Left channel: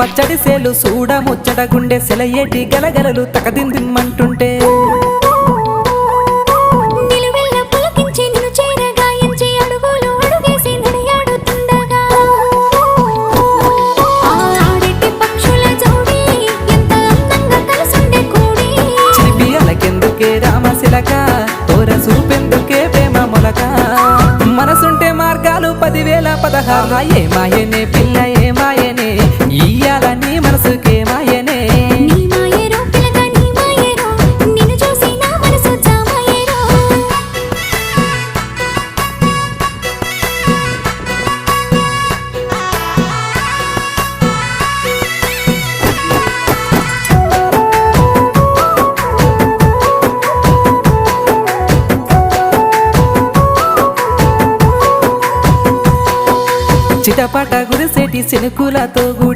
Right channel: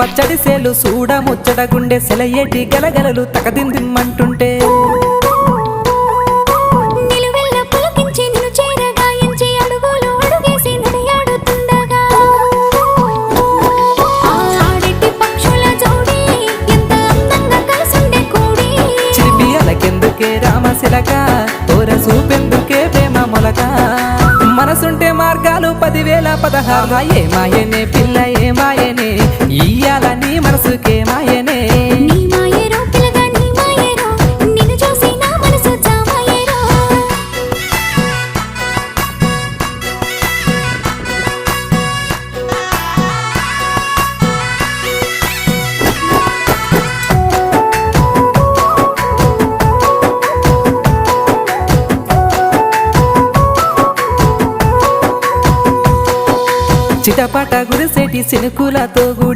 పచ్చడి సేలు సూడ ముచ్చట గుండె సెలయేటి గలగలలు తకదిందిమ్మంటుంటే నిలువెల్ల పులకించి నిన్ను చేరగా ఎంచి అడుగులు అడుగేసి నడియాడుతుండగా ఆడెట్టి పక్షుల జోడి ఎంత అందంగా కలుసుండే కూడి చిలిపి అలకెందుకే రామశిలక తోర చూపెందుకే ప్రేమ మొలక మనసుంటే మార్గాలు 10,016 ఏమాయనే పిల్ల ఏమాయనే ఇయ్యాల నీ మనసుకే మాయనే నీ మాయేరో పిల్లగా నీ మాయేరో నిన్ను చూసి నా మనసు జామాయేరో చిటపట గురిసేటి సినుకులతో గుడి